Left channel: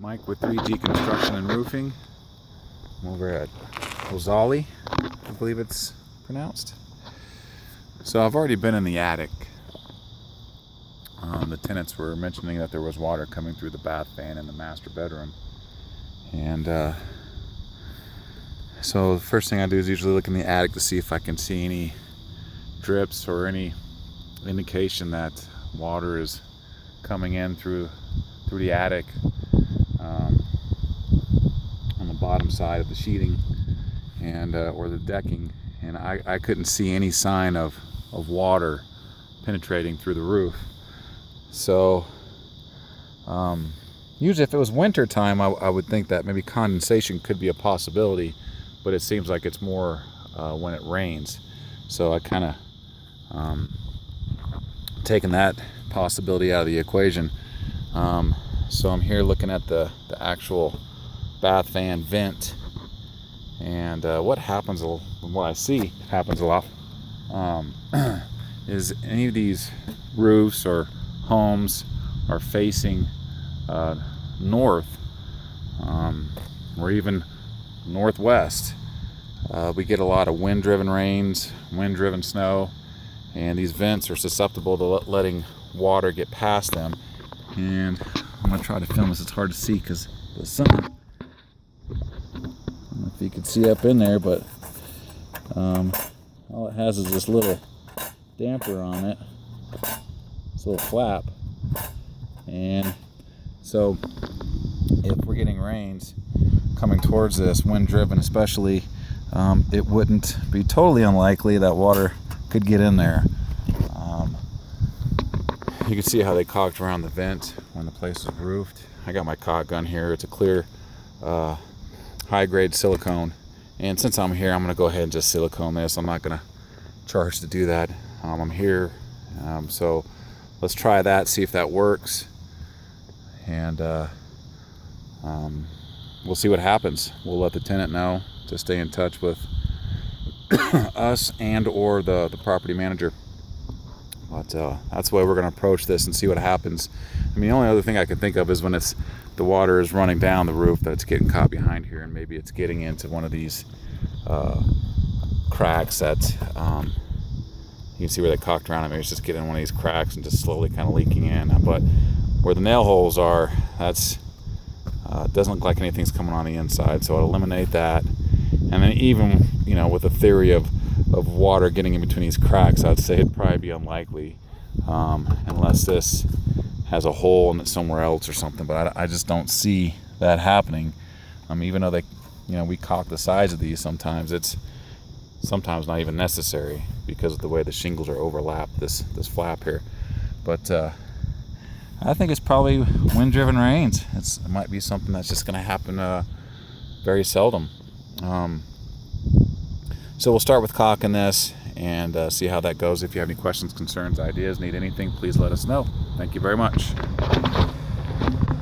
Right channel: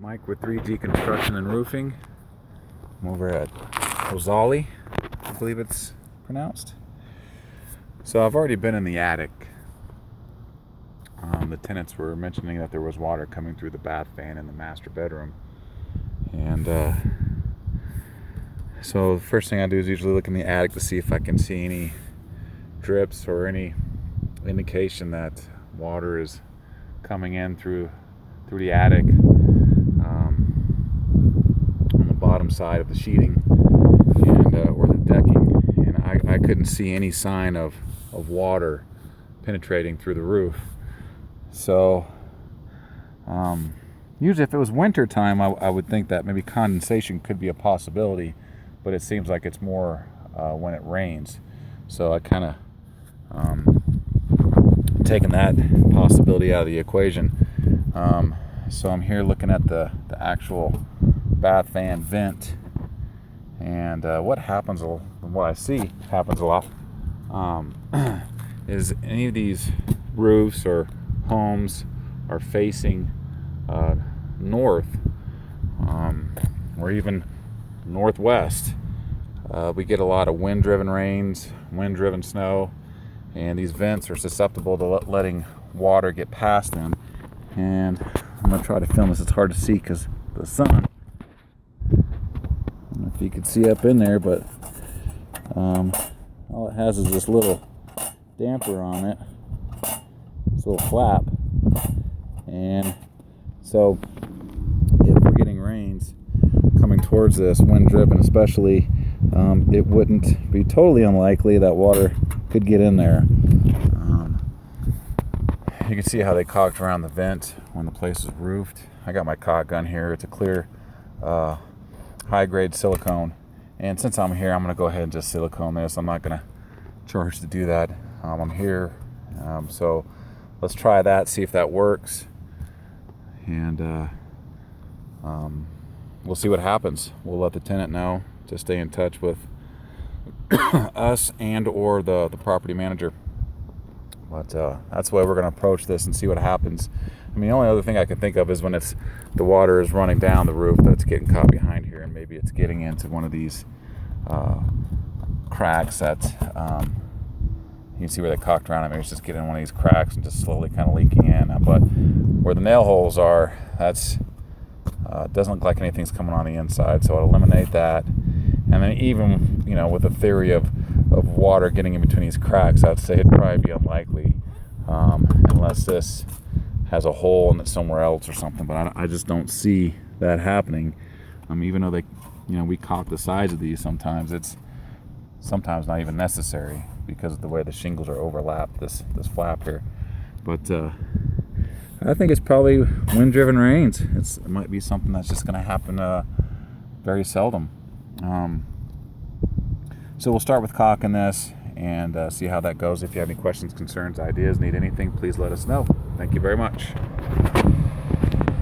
Mike with 3G Construction and Roofing. I'm over at Rosalie, I believe it's pronounced. So I've already been in the attic. The tenants were mentioning that there was water coming through the bath fan in the master bedroom. And so the first thing I do is usually look in the attic to see if I can see any drips or any indication that water is coming in through the attic, on the bottom side of the sheeting and or the decking, and I couldn't see any sign of water penetrating through the roof. So usually if it was winter time, I would think that maybe condensation could be a possibility, but it seems like it's more when it rains. So I kind of taken that possibility out of the equation. So I'm here looking at the actual bath fan vent, and what happens, what I see happens a lot, is any of these roofs or homes are facing north, or even northwest. We get a lot of wind-driven rains, wind-driven snow, and these vents are susceptible to letting water get past them. And I'm going to try to film this. It's hard to see because the sun. I don't know if you can see up in there, but all it has is this little damper on it, this little flap. And so if we're getting rains coming towards this, wind-driven especially, it wouldn't be totally unlikely that water could get in there. You can see how they caulked around the vent when the place is roofed. I got my caulk gun here. It's a clear, high-grade silicone. And since I'm here, I'm going to go ahead and just silicone this. I'm not going to charge to do that. I'm here. So let's try that, see if that works. And we'll see what happens. We'll let the tenant know to stay in touch with us and or the property manager. But that's the way we're going to approach this and see what happens. I mean, the only other thing I can think of is when the water is running down the roof, that it's getting caught behind here, and maybe it's getting into one of these cracks that you can see where they caulked around it. Maybe it's just getting in one of these cracks and just slowly kind of leaking in. But where the nail holes are, that's doesn't look like anything's coming on the inside, so I'll eliminate that. And then even, with the theory of water getting in between these cracks, I'd say it'd probably be unlikely, unless this has a hole in it somewhere else or something. But I just don't see that happening. Even though we caulk the sides of these, sometimes it's not even necessary because of the way the shingles are overlapped, this flap here. But I think it's probably wind-driven rains. It might be something that's just going to happen very seldom. So we'll start with caulking this and see how that goes. If you have any questions, concerns, ideas, need anything, please let us know. Thank you very much.